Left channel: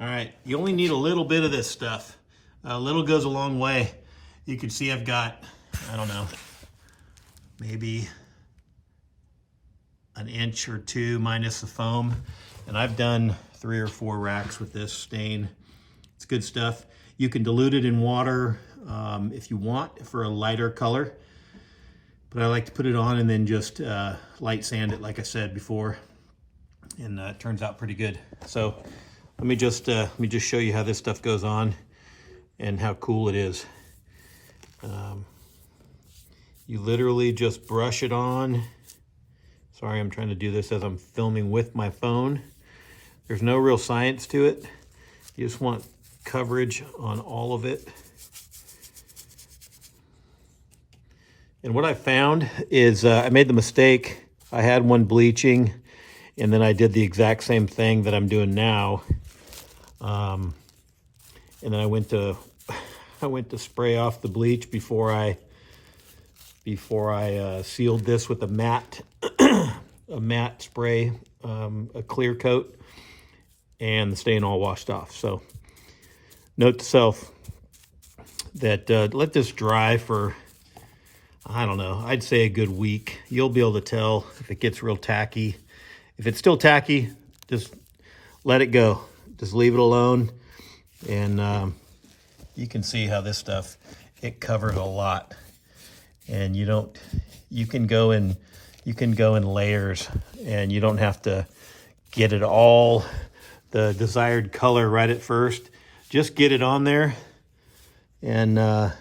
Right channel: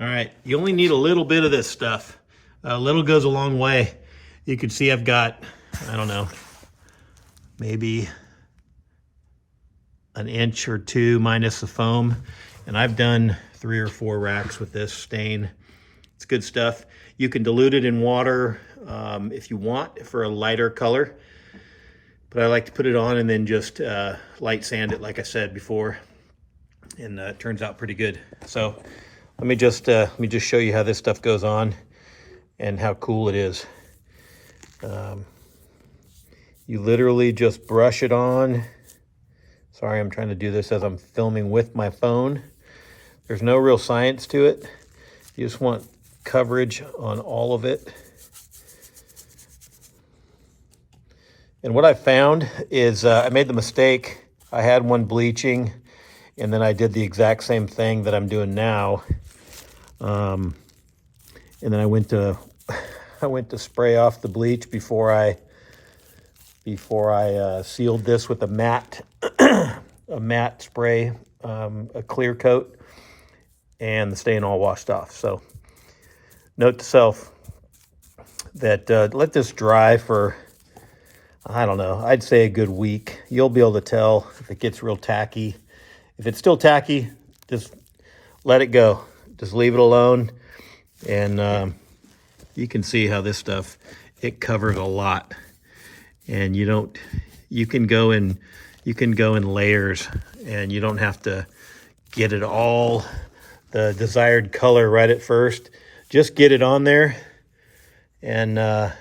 All right, you only need a little bit of this stuff. A little goes a long way. You can see I've got, I don't know, maybe an inch or two minus the foam. And I've done 3 or 4 racks with this stain. It's good stuff. You can dilute it in water if you want for a lighter color. But I like to put it on and then just light sand it, like I said before. And it turns out pretty good. So let me just show you how this stuff goes on and how cool it is. You literally just brush it on. Sorry, I'm trying to do this as I'm filming with my phone. There's no real science to it. You just want coverage on all of it. And what I found is I made the mistake. I had one bleaching, and then I did the exact same thing that I'm doing now. And then I went to spray off the bleach before I sealed this with a matte spray, a clear coat, and the stain all washed off. So note to self that let this dry for, I don't know, I'd say a good week. You'll be able to tell if it gets real tacky. If it's still tacky, just let it go. Just leave it alone. And you can see how this stuff, it covers a lot. And you can go in layers, and you don't have to get it all the desired color right at first. Just get it on there and then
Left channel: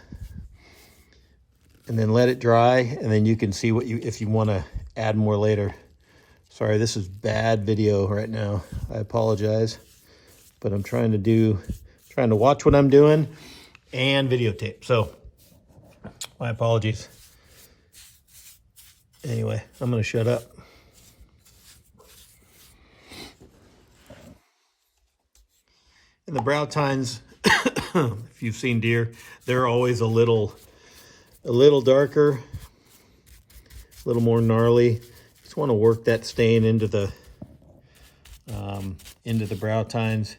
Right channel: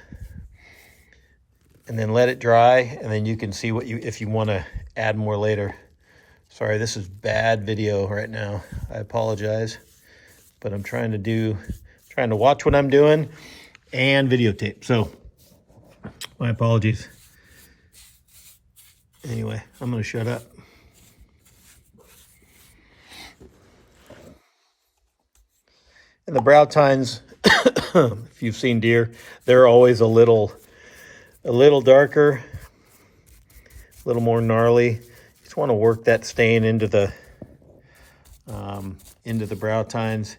let it dry, and then you can see if you want to add more later. Sorry, this is bad video right now. I apologize, but I'm trying to watch what I'm doing and videotape. So my apologies. Anyway, I'm going to shut up. And the brow tines, if you've seen deer, they're always a little darker, a little more gnarly. Just want to work that stain into the brow tines.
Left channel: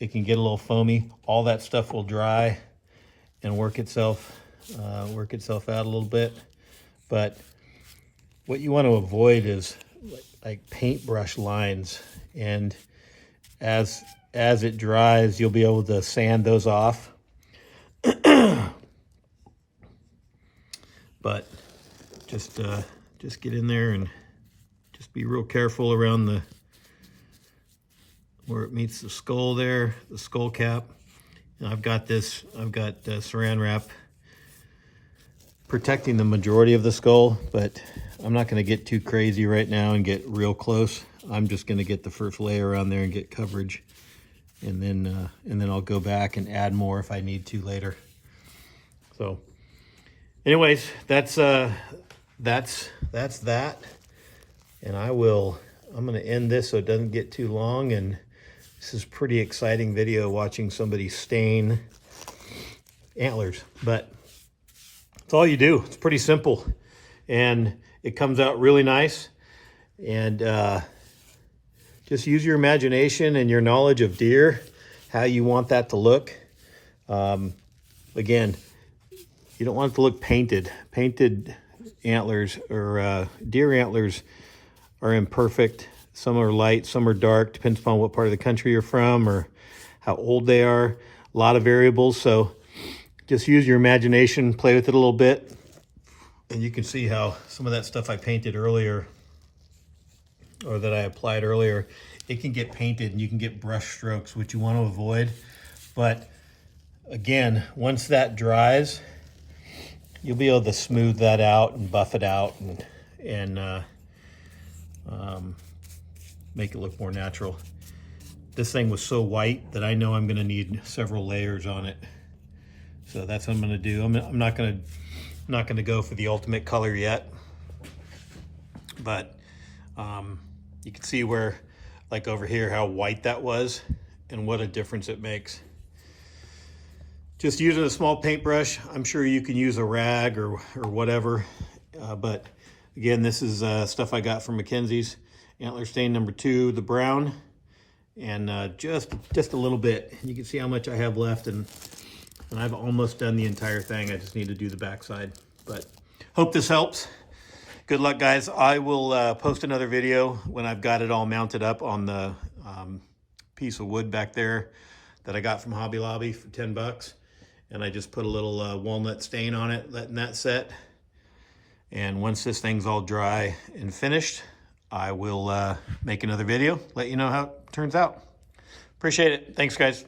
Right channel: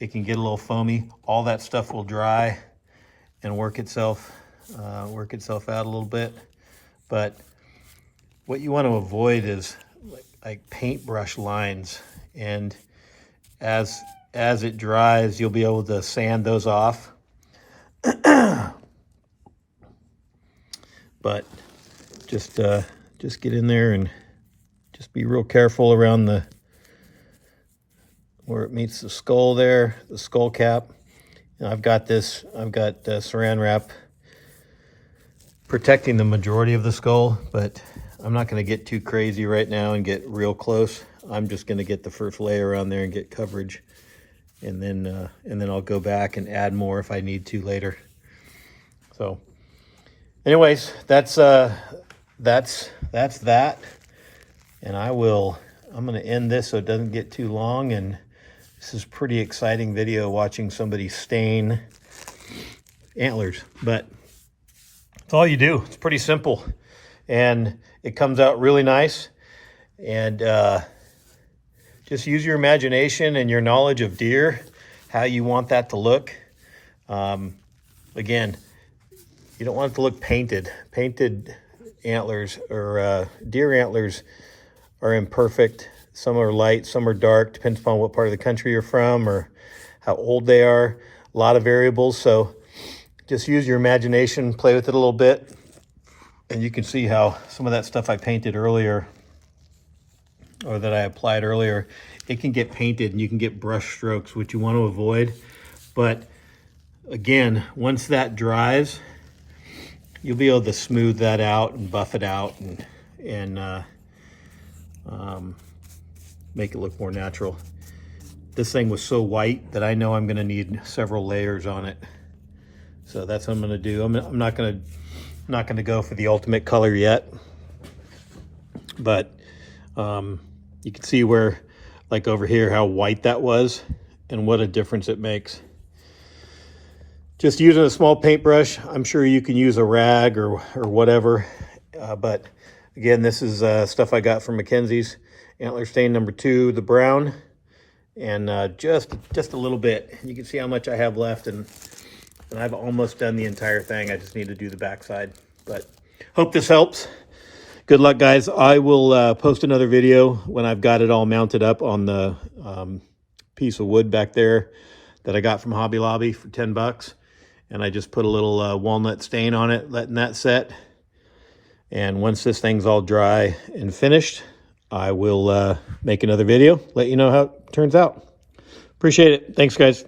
It can get a little foamy. All that stuff will dry and work itself out a little bit. But what you want to avoid is like paintbrush lines, and as it dries, you'll be able to sand those off. But just get in there and just be real careful around where it meets the skull there, the skull cap. And I've got saran wrap protecting the majority of the skull, but I'm not going to get too crazy right now and get real close. I'm just going to get the first layer on there and get coverage, and then I'll go back and add more if I need to later. So anyways, that's that. And I'm going to end this so it doesn't get too long. And this is pretty exciting video, watching somebody stain antlers, but it's all you do. It's pretty simple, and it comes out really nice. And just use your imagination and your knowledge of deer, how you want that to look. Again, you don't want it to look painted. Painted antlers or deer antlers are imperfect. Some are light, some are dark, depends upon what part of the country you're from or how old they are. A lot of variables, so just use your imagination, play with it a little bit, and you can see how some of that stuff I painted earlier, or that I applied earlier, it can get painted and you can get brush strokes, which you want to avoid. But again, once that dries, you'll be able to smooth that out and buff it out and make it look more natural. This thing was so white that I know I'm going to need several layers on it. So that's what I'm going to do. I'm not going to go for the ultimate color yet, but you can see where, like over here, how white that was and what a difference it makes. Just using a small paintbrush. I'm sure you can use a rag or whatever, but again, this is stuff I got from Mackenzie's. Antler stain number 2, the brown, and just a little bit. You can see how much I have left, and I've almost done the entire thing. I just need to do the backside. But hope this helps. Good luck, guys. I will post another video when I've got it all mounted up on the piece of wood back there that I got from Hobby Lobby for 10 bucks. And I just put a little walnut stain on it, letting that set. And once this thing's all dry and finished, I will make another video, let you know how it turns out. Appreciate it. Thanks, guys.